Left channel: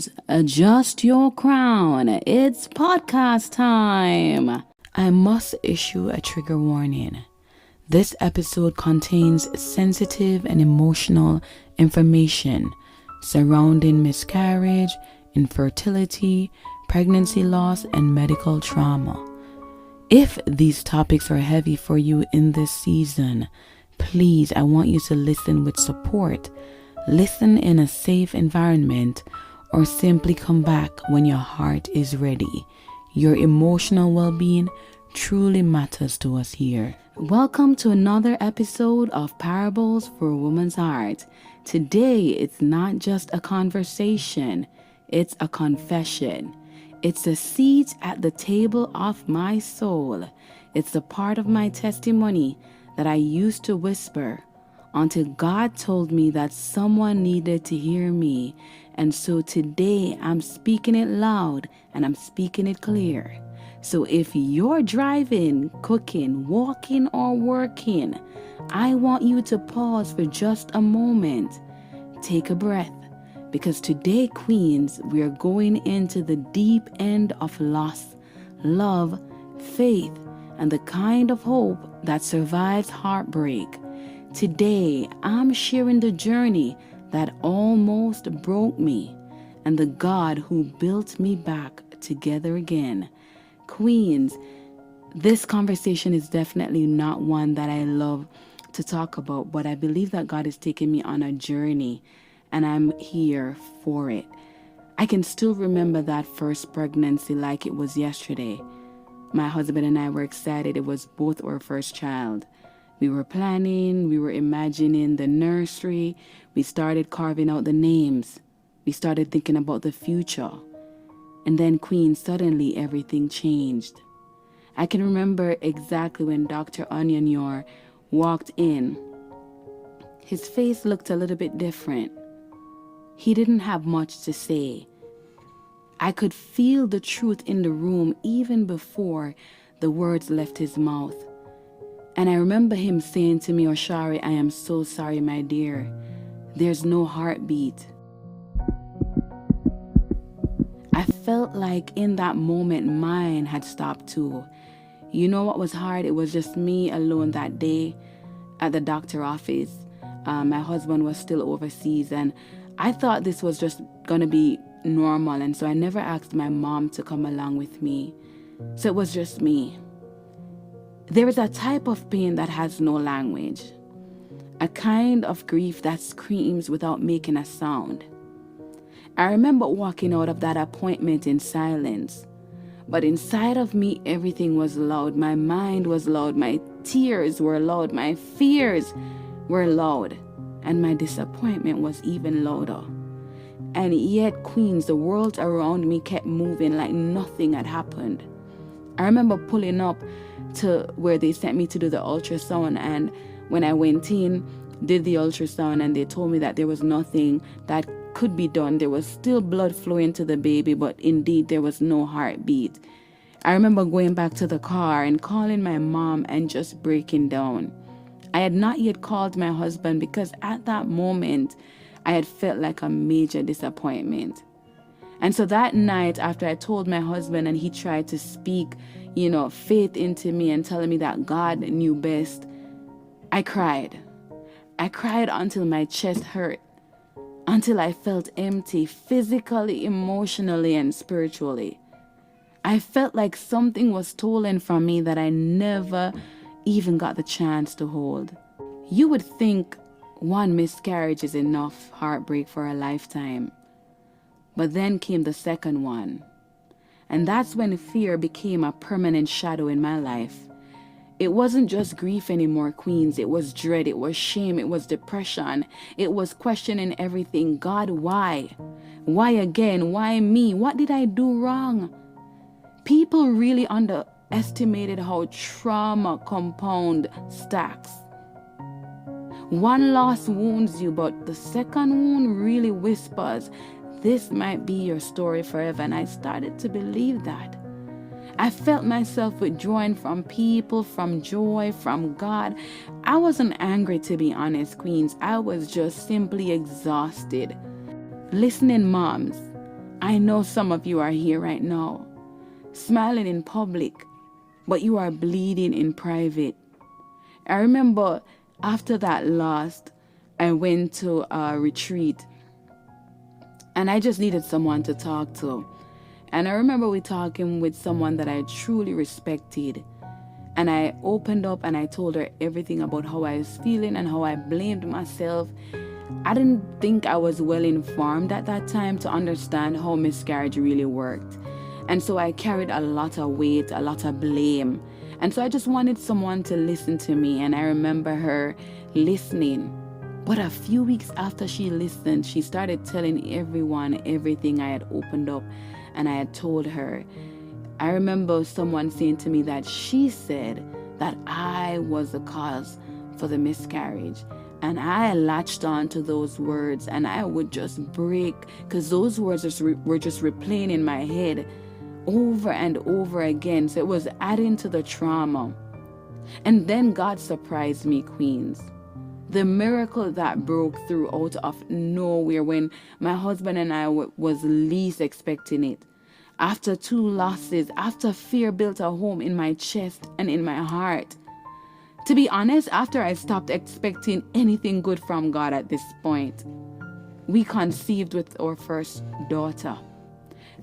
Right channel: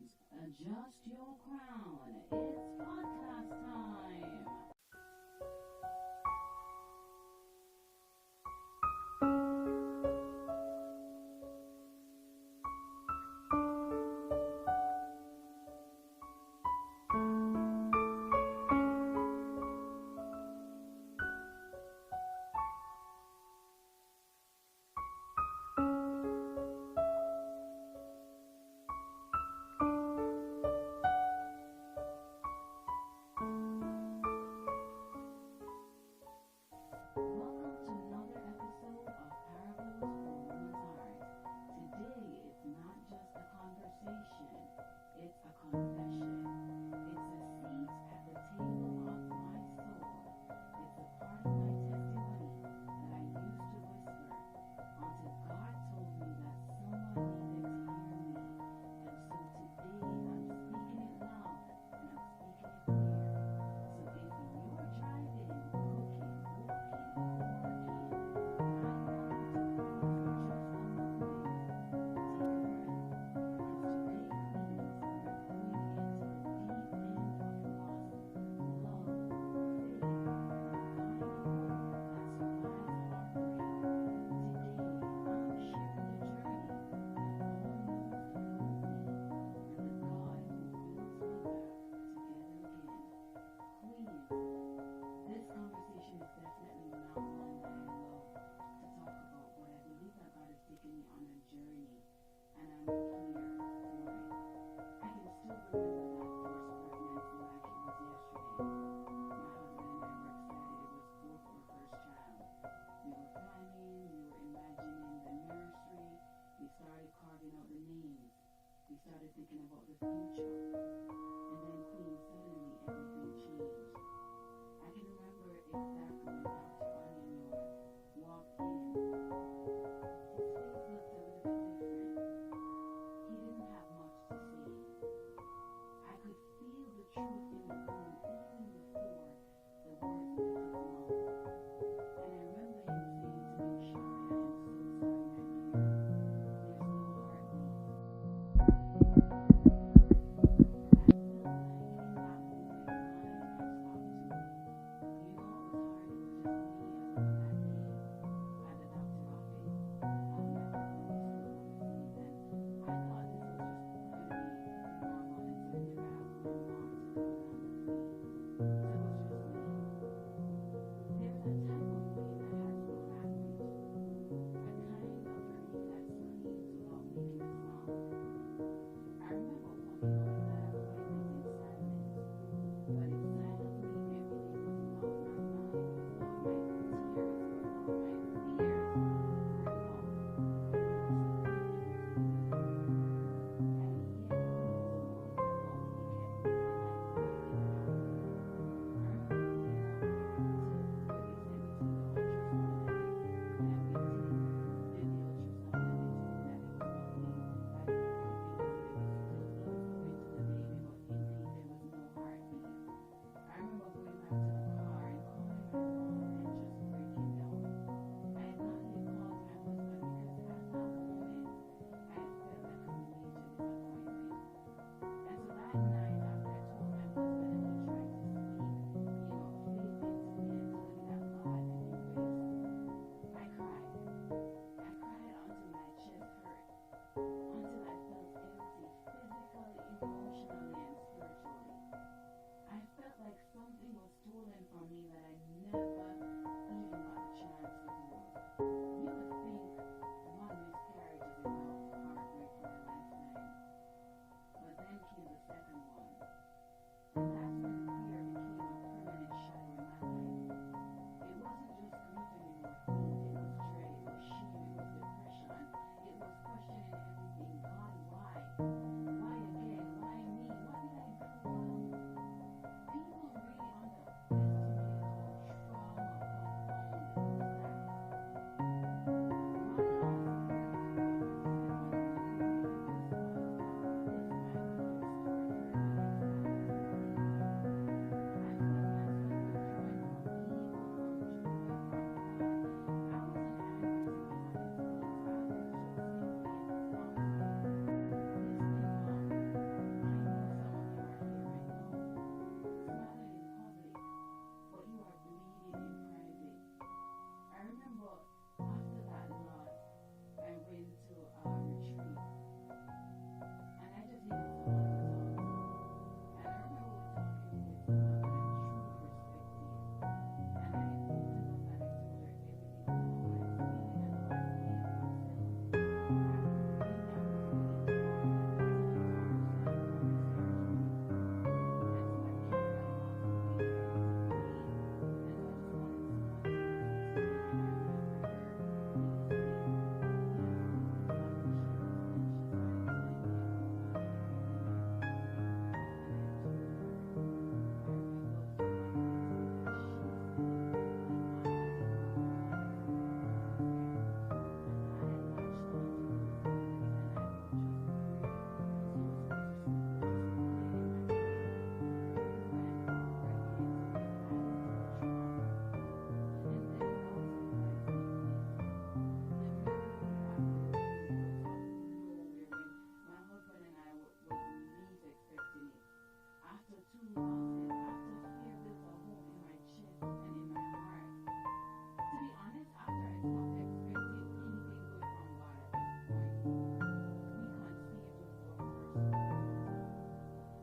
Queens, adjust your crown. It's podcast time. I must issue a trigger warning. This episode contains sensitive and emotional information surrounding miscarriage, infertility, pregnancy loss, and medical trauma. If these topics are heavy for you in this season, please, I want you to listen with support. Listen in a safe environment, or simply come back when your heart is ready. Your emotional well-being truly matters to us here. Welcome to another episode of Parables for a Woman's Heart. Today, it's not just a conversation, it's a confession. It's a seat at the table of my soul. It's a part of my testimony that I used to whisper until God told me that someone needed to hear me. And so today I'm speaking it loud and I'm speaking it clear. So if you're driving, cooking, walking, or working, I want you to pause for just a moment. Take a breath. Because today, Queens, we are going into the deep end of loss, love, faith, and the kind of hope that survives heartbreak. Today, I'm sharing the journey that almost broke me and the God who built me back together again. Queens, this conversation is definitely not one that I love to talk about, but I believe that God is taking me on a journey and I'm here for it. I can still remember that first pregnancy like it was yesterday. My husband and I were excited. It was both our first child. We were planning, we were imagining the nursery. We started carving out the names. We started thinking about the future. And then, Queen, suddenly everything changed. I can remember exactly when Dr. Onyanyor walked in. His face looked a little bit different. He didn't have much to say. I could feel the truth in the room even before the words left his mouth. And I remember him saying to me, "Osharae, I am so sorry, my dear. There's no heartbeat." I felt like in that moment, mine had stopped too. You know what was hard? It was just me alone that day at the doctor's office. My husband was still overseas, and I thought this was just going to be normal. And so I never asked my mom to come along with me. So it was just me. There is a type of pain that has no language, a kind of grief that screams without making a sound. I remember walking out of that appointment in silence, but inside of me, everything was loud. My mind was loud, my tears were loud, my fears were loud, and my disappointment was even louder. And yet, Queens, the world around me kept moving like nothing had happened. I remember pulling up to where they sent me to do the ultrasound, and when I went in, did the ultrasound, and they told me that there was nothing that could be done. There was still blood flowing to the baby, but indeed there was no heartbeat. I remember going back to the car and calling my mom and just breaking down. I had not yet called my husband because at that moment I had felt like a major disappointment. And so that night, after I told my husband and he tried to speak, faith into me and telling me that God knew best, I cried. I cried until my chest hurt, until I felt empty physically, emotionally, and spiritually. I felt like something was stolen from me that I never even got the chance to hold. You would think one miscarriage is enough heartbreak for a lifetime. But then came the second one. And that's when fear became a permanent shadow in my life. It wasn't just grief anymore, Queens. It was dread, it was shame, it was depression. It was questioning everything. God, why? Why again? Why me? What did I do wrong? People really underestimated how trauma compound stacks. One loss wounds you, but the second wound really whispers, "This might be your story forever." And I started to believe that. I felt myself withdrawing from people, from joy, from God. I wasn't angry, to be honest, Queens. I was just simply exhausted. Listening, moms, I know some of you are here right now, smiling in public, but you are bleeding in private. I remember after that loss, I went to a retreat and I just needed someone to talk to. And I remember we talking with someone that I truly respected. And I opened up and I told her everything about how I was feeling and how I blamed myself. I didn't think I was well informed at that time to understand how miscarriage really worked. And so I carried a lot of weight, a lot of blame. And so I just wanted someone to listen to me. And I remember her listening. But a few weeks after she listened, she started telling everyone everything I had opened up and I had told her. I remember someone saying to me that she said that I was the cause for the miscarriage. And I latched on to those words and I would just break because those words were just replaying in my head over and over again. So it was adding to the trauma. And then God surprised me, Queens. The miracle that broke through out of nowhere when my husband and I was least expecting it. After 2 losses, after fear built a home in my chest and in my heart. To be honest, after I stopped expecting anything good from God at this point, we conceived with our first daughter.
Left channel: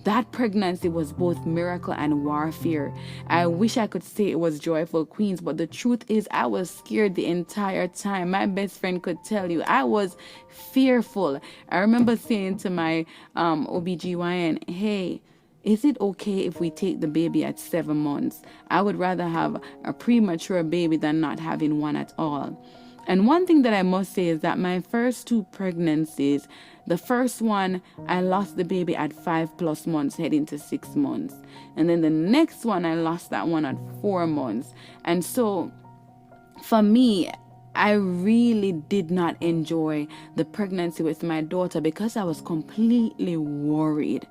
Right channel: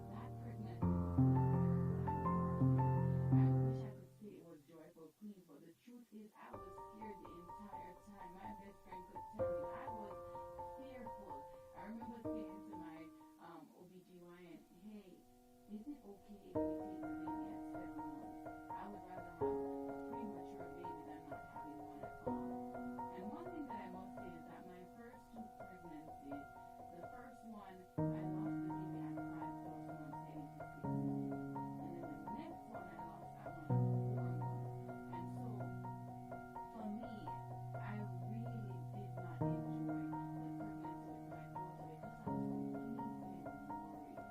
That pregnancy was both miracle and warfare. I wish I could say it was joyful, Queens, but the truth is I was scared the entire time. My best friend could tell you I was fearful. I remember saying to my OBGYN, hey, is it okay if we take the baby at 7 months? I would rather have a premature baby than not having one at all. And one thing that I must say is that my first 2 pregnancies, the first one, I lost the baby at 5+ months, heading to 6 months. And then the next one, I lost that one at 4 months. And so for me, I really did not enjoy the pregnancy with my daughter because I was completely worried.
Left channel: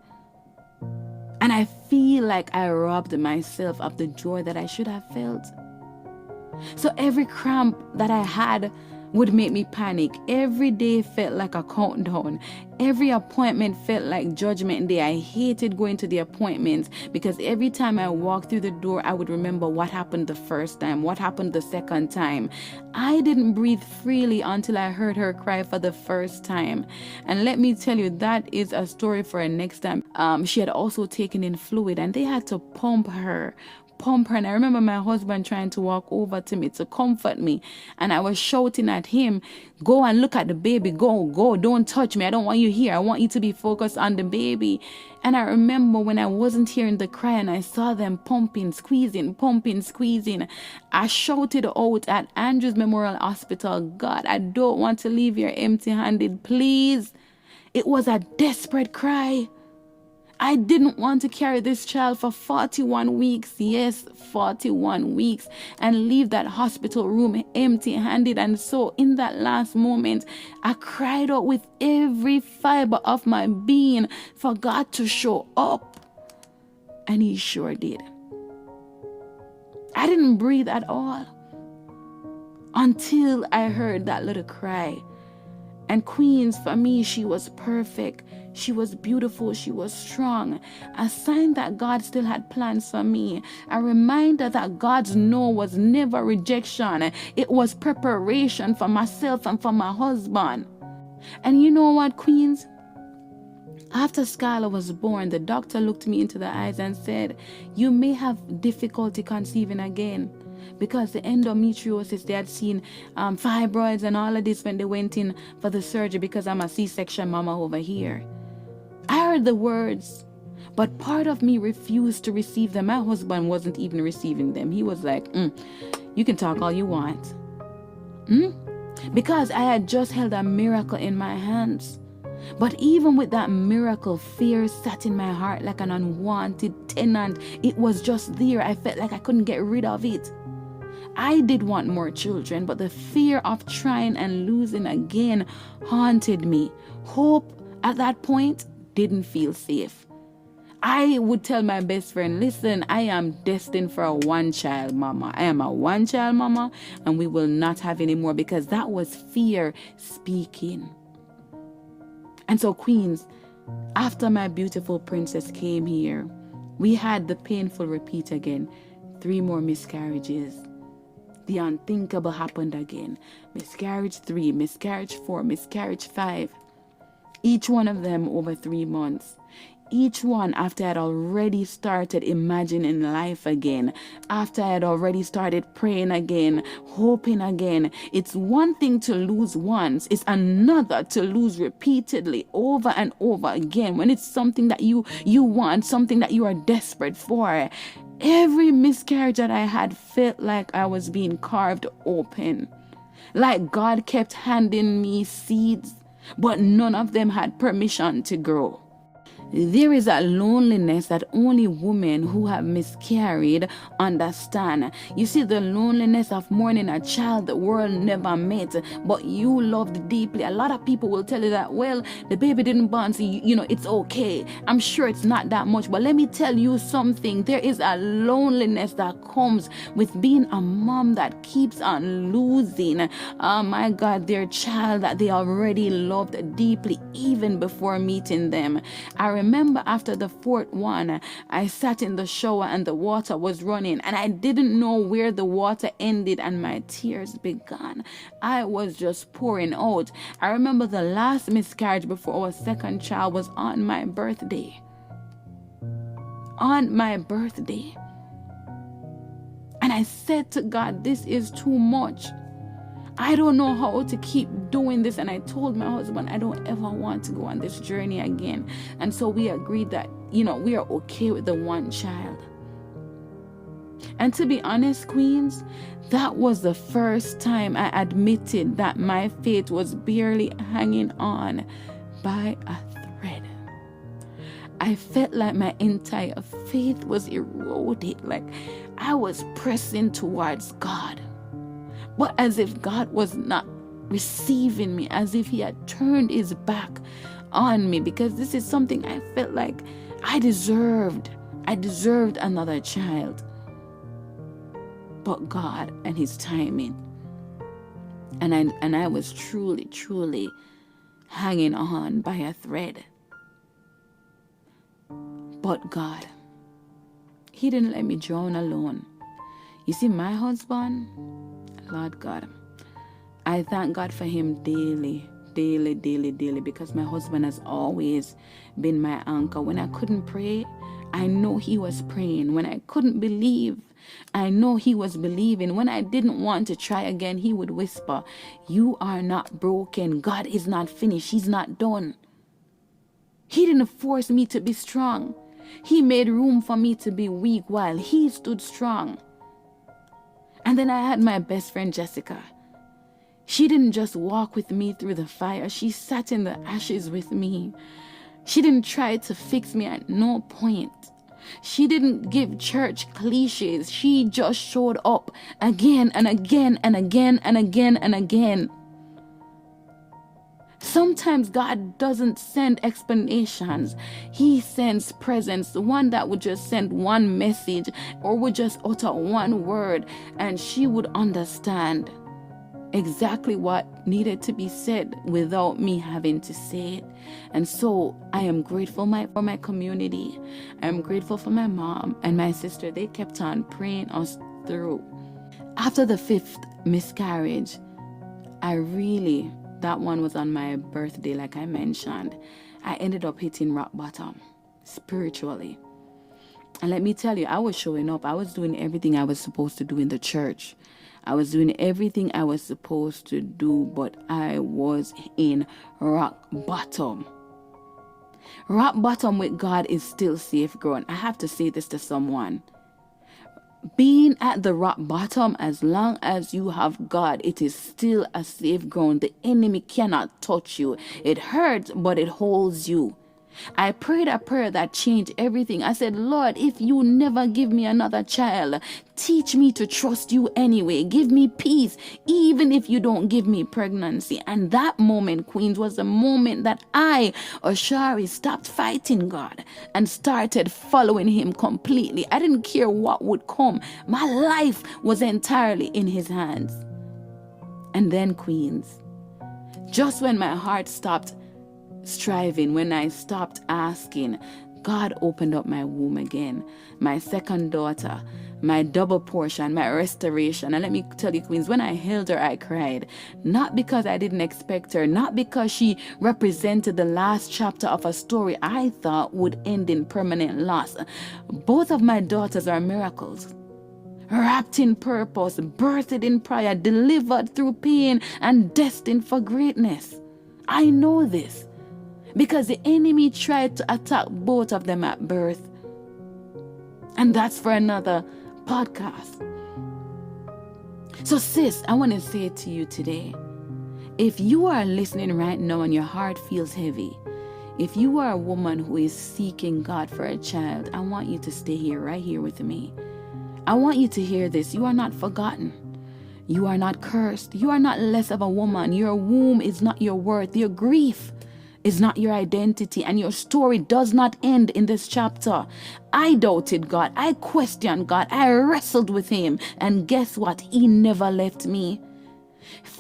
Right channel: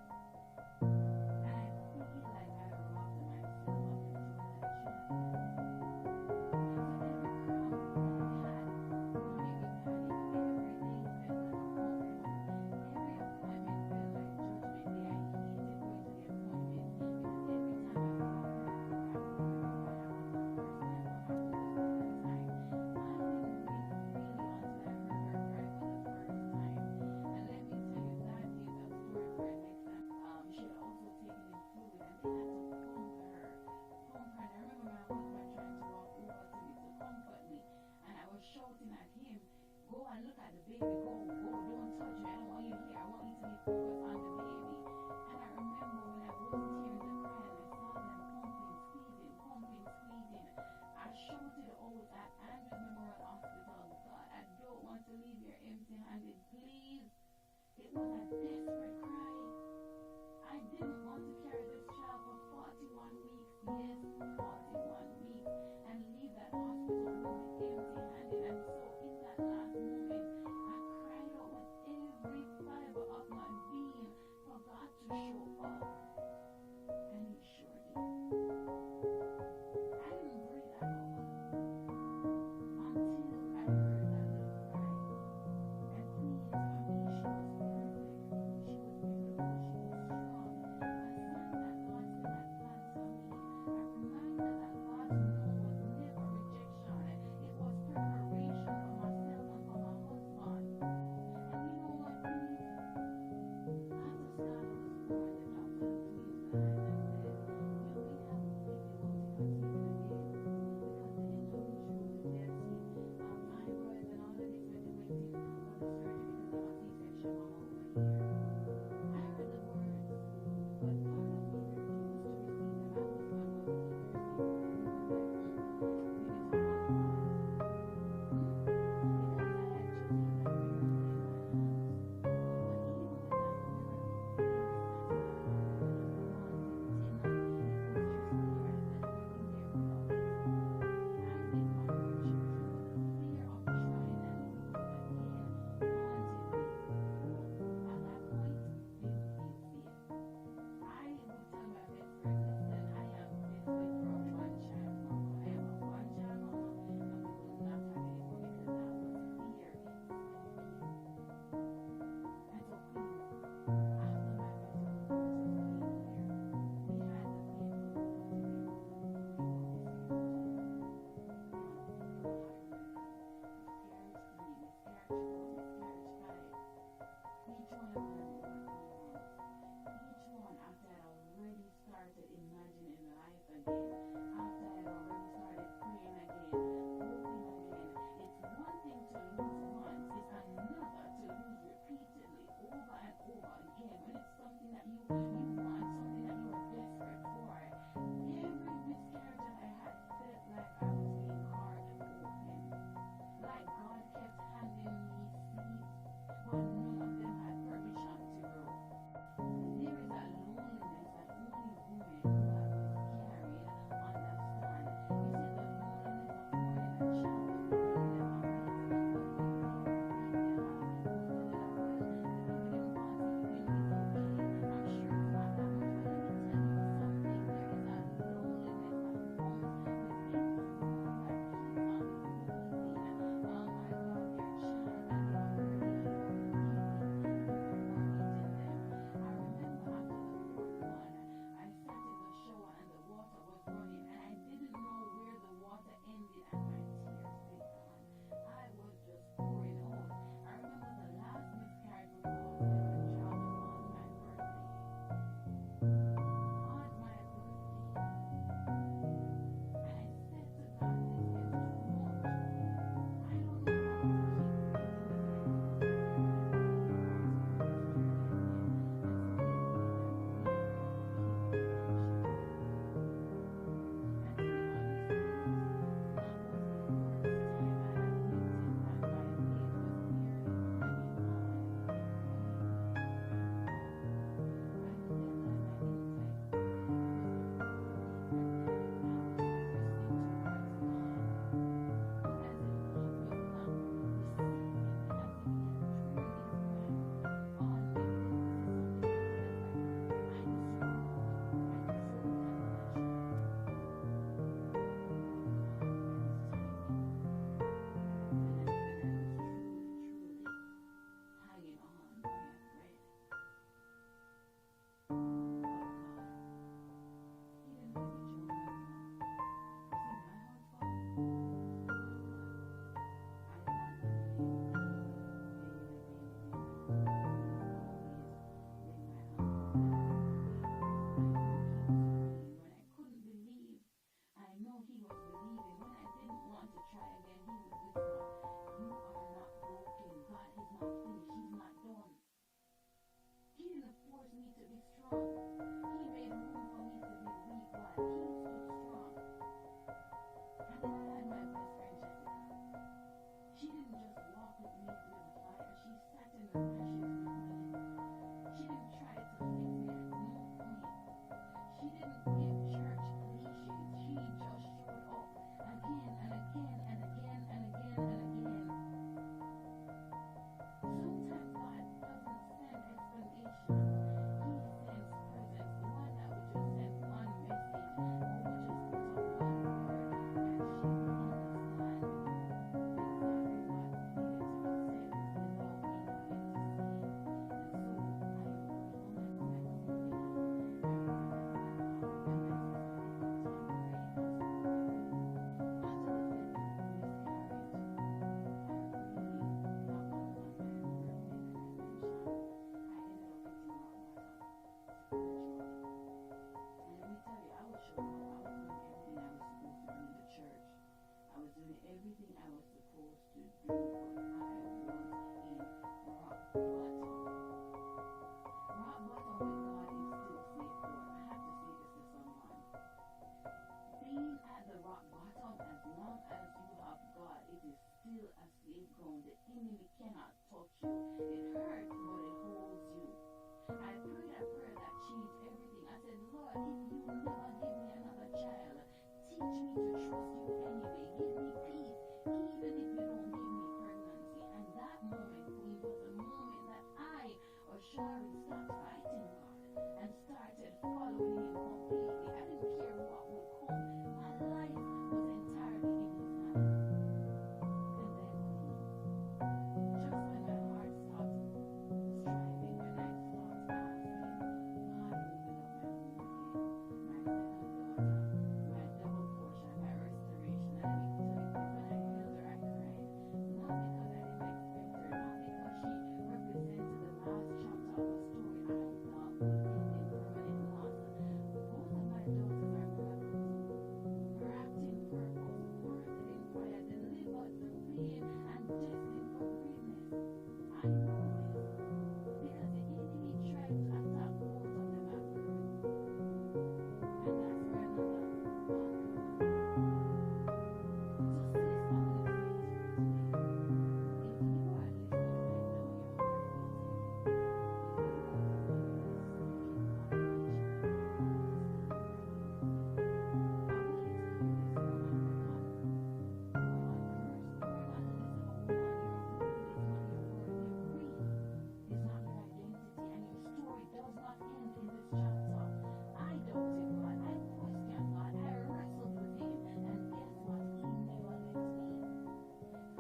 And I feel like I robbed myself of the joy that I should have felt. So every cramp that I had would make me panic. Every day felt like a countdown. Every appointment felt like judgment day. I hated going to the appointments because every time I walked through the door, I would remember what happened the first time, what happened the second time. I didn't breathe freely until I heard her cry for the first time. And let me tell you, that is a story for a next time. She had also taken in fluid and they had to pump her. And I remember my husband trying to walk over to me to comfort me, and I was shouting at him, go and look at the baby, go, don't touch me, I don't want you here, I want you to be focused on the baby. And I remember when I wasn't hearing the cry and I saw them pumping, squeezing, I shouted out at Andrews Memorial Hospital, God, I don't want to leave here empty-handed, please. It was a desperate cry. I didn't want to carry this child for 41 weeks, yes, 41 weeks, and leave that hospital room empty-handed. And so in that last moment, I cried out with every fiber of my being for God to show up. And He sure did. I didn't breathe at all until I heard that little cry. And Queens, for me, she was perfect. She was beautiful. She was strong. A sign that God still had plans for me. A reminder that God's no was never rejection. It was preparation for myself and for my husband. And you know what, Queens? After Skylar was born, the doctor looked me into the eyes and said, you may have difficulty conceiving again. Because the endometriosis, they had seen fibroids and all of this when they went in for the surgery, because I'm a C-section mama over here. I heard the words, but part of me refused to receive them. My husband wasn't even receiving them. He was like, you can talk all you want. Because I had just held a miracle in my hands. But even with that miracle, fear sat in my heart like an unwanted tenant. It was just there. I felt like I couldn't get rid of it. I did want more children, but the fear of trying and losing again haunted me. Hope at that point didn't feel safe. I would tell my best friend, listen, I am destined for a one-child mama. I am a one-child mama, and we will not have any more, because that was fear speaking. And so, Queens, After my beautiful princess came here, we had the painful repeat again. 3 more miscarriages. The unthinkable happened again. Miscarriage 3, miscarriage 4, miscarriage 5. Each one of them over 3 months. Each one after I had already started imagining life again, after I had already started praying again, hoping again. It's one thing to lose once, it's another to lose repeatedly over and over again when it's something that you want, something that you are desperate for. Every miscarriage that I had felt like I was being carved open, like God kept handing me seeds, but none of them had permission to grow. There is a loneliness that only women who have miscarried understand. You see, the loneliness of mourning a child the world never met, but you loved deeply. A lot of people will tell you that, well, the baby didn't born, so it's okay. I'm sure it's not that much, but let me tell you something. There is a loneliness that comes with being a mom that keeps on losing, oh my God, their child that they already loved deeply even before meeting them. I remember after the 4th one, I sat in the shower and the water was running and I didn't know where the water ended and my tears began. I was just pouring out. I remember the last miscarriage before our 2nd child was on my birthday. On my birthday. And I said to God, this is too much. I don't know how to keep doing this. And I told my husband, I don't ever want to go on this journey again. And so we agreed that, we are okay with the 1 child. And to be honest, queens, that was the first time I admitted that my faith was barely hanging on by a thread. I felt like my entire faith was eroded, like I was pressing towards God. But as if God was not receiving me, as if he had turned his back on me, because this is something I felt like I deserved. I deserved another child. But God and his timing. And I was truly hanging on by a thread. But God, he didn't let me drown alone. You see, my husband, Lord God, I thank God for him daily, because my husband has always been my anchor. When I couldn't pray, I know he was praying. When I couldn't believe, I know he was believing. When I didn't want to try again, he would whisper, you are not broken. God is not finished. He's not done. He didn't force me to be strong. He made room for me to be weak while he stood strong. And then I had my best friend, Jessica. She didn't just walk with me through the fire. She sat in the ashes with me. She didn't try to fix me at no point. She didn't give church cliches. She just showed up again and again and again and again and again. Sometimes God doesn't send explanations. He sends presence, the one that would just send one message or would just utter one word, and she would understand exactly what needed to be said without me having to say it. And so I am grateful for my community. I'm grateful for my mom and my sister. They kept on praying us through. After the 5th miscarriage, that one was on my birthday, like I mentioned. I ended up hitting rock bottom spiritually. And let me tell you, I was showing up. I was doing everything I was supposed to do in the church. I was doing everything I was supposed to do, but I was in rock bottom. Rock bottom with God is still safe ground. I have to say this to someone. Being at the rock bottom, as long as you have God, it is still a safe ground. The enemy cannot touch you. It hurts, but it holds you. I prayed a prayer that changed everything. I said, Lord, if you never give me another child, teach me to trust you anyway. Give me peace, even if you don't give me pregnancy. And that moment, queens, was the moment that I, Osharae, stopped fighting God and started following him completely. I didn't care what would come. My life was entirely in his hands. And then, queens, just when my heart stopped striving, when I stopped asking, God opened up my womb again. My second daughter, my double portion, my restoration. And let me tell you, queens, when I held her, I cried. Not because I didn't expect her, not because she represented the last chapter of a story I thought would end in permanent loss. Both of my daughters are miracles, wrapped in purpose, birthed in prayer, delivered through pain, and destined for greatness. I know this because the enemy tried to attack both of them at birth. And that's for another podcast. So sis, I want to say to you today, if you are listening right now and your heart feels heavy, if you are a woman who is seeking God for a child, I want you to stay here, right here with me. I want you to hear this. You are not forgotten. You are not cursed. You are not less of a woman. Your womb is not your worth. Your grief is not your identity, and your story does not end in this chapter. I doubted God. I questioned God. I wrestled with him. And guess what? He never left me.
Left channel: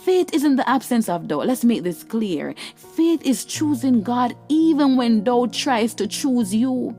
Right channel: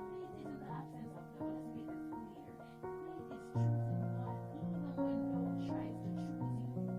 Faith isn't the absence of doubt. Let's make this clear. Faith is choosing God even when doubt tries to choose you.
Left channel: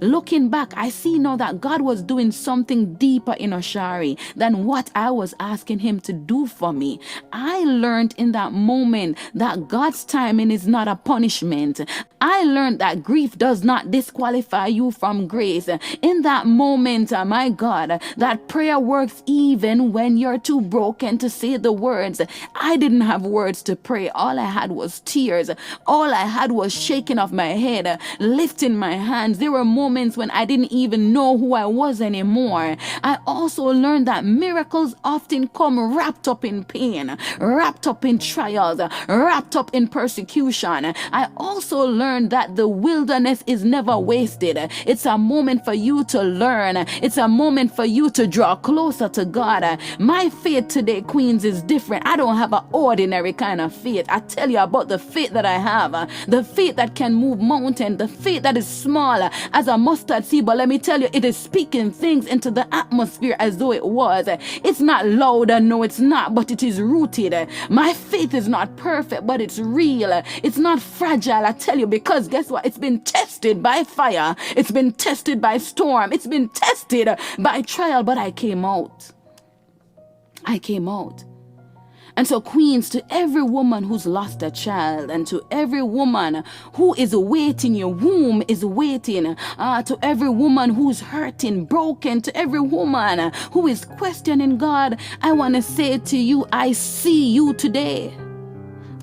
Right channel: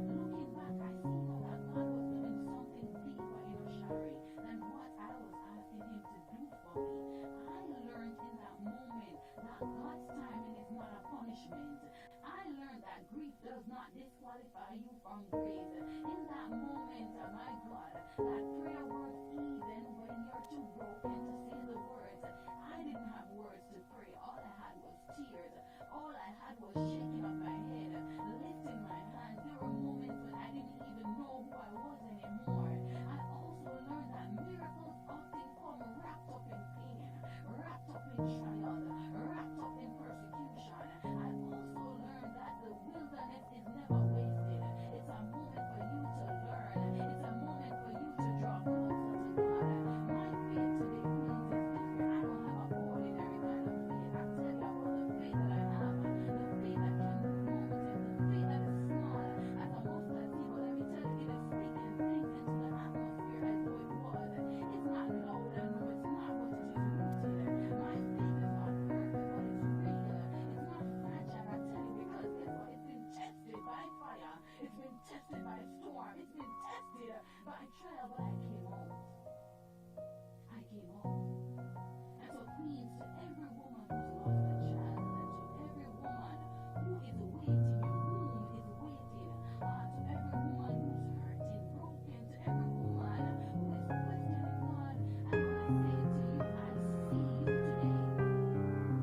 Looking back, I see now that God was doing something deeper in Osharae than what I was asking him to do for me. I learned in that moment that God's timing is not a punishment. I learned that grief does not disqualify you from grace. In that moment, my God, that prayer works even when you're too broken to say the words. I didn't have words to pray. All I had was tears. All I had was shaking of my head, lifting my hands. There were moments when I didn't even know who I was anymore. I also learned that miracles often come wrapped up in pain, wrapped up in trials, wrapped up in persecution. I also learned that the wilderness is never wasted. It's a moment for you to learn. It's a moment for you to draw closer to God. My faith today, queens, is different. I don't have an ordinary kind of faith. I tell you about the faith that I have, the faith that can move mountains, the faith that is small as a mustard seed, but let me tell you, it is speaking things into the atmosphere as though it was. It's not loud, no it's not, but it is rooted. My faith is not perfect, but it's real. It's not fragile, I tell you, because guess what? It's been tested by fire. It's been tested by storm. It's been tested by trial, but I came out. I came out. And so, queens, to every woman who's lost a child, and to every woman who is waiting, your womb is waiting, to every woman who's hurting, broken, to every woman who is questioning God, I want to say to you, I see you today.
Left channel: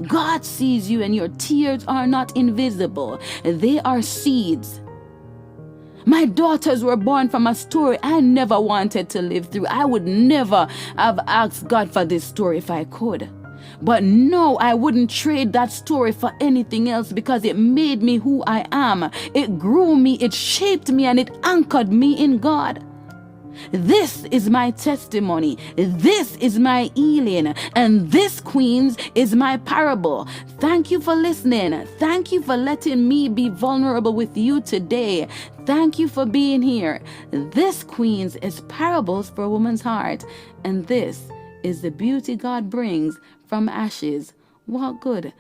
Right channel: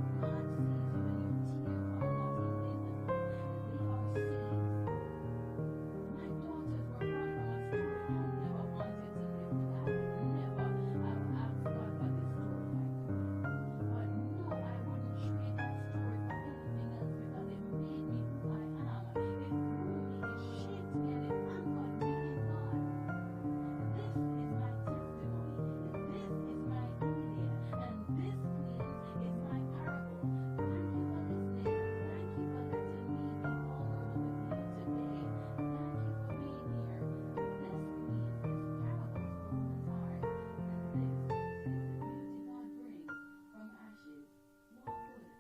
God sees you, and your tears are not invisible. They are seeds. My daughters were born from a story I never wanted to live through. I would never have asked God for this story if I could. But no, I wouldn't trade that story for anything else, because it made me who I am. It grew me, it shaped me, and it anchored me in God. This is my testimony. This is my healing. And this, queens, is my parable. Thank you for listening. Thank you for letting me be vulnerable with you today. Thank you for being here. This, queens, is Parables for a Woman's Heart. And this is the beauty God brings from ashes. Walk good.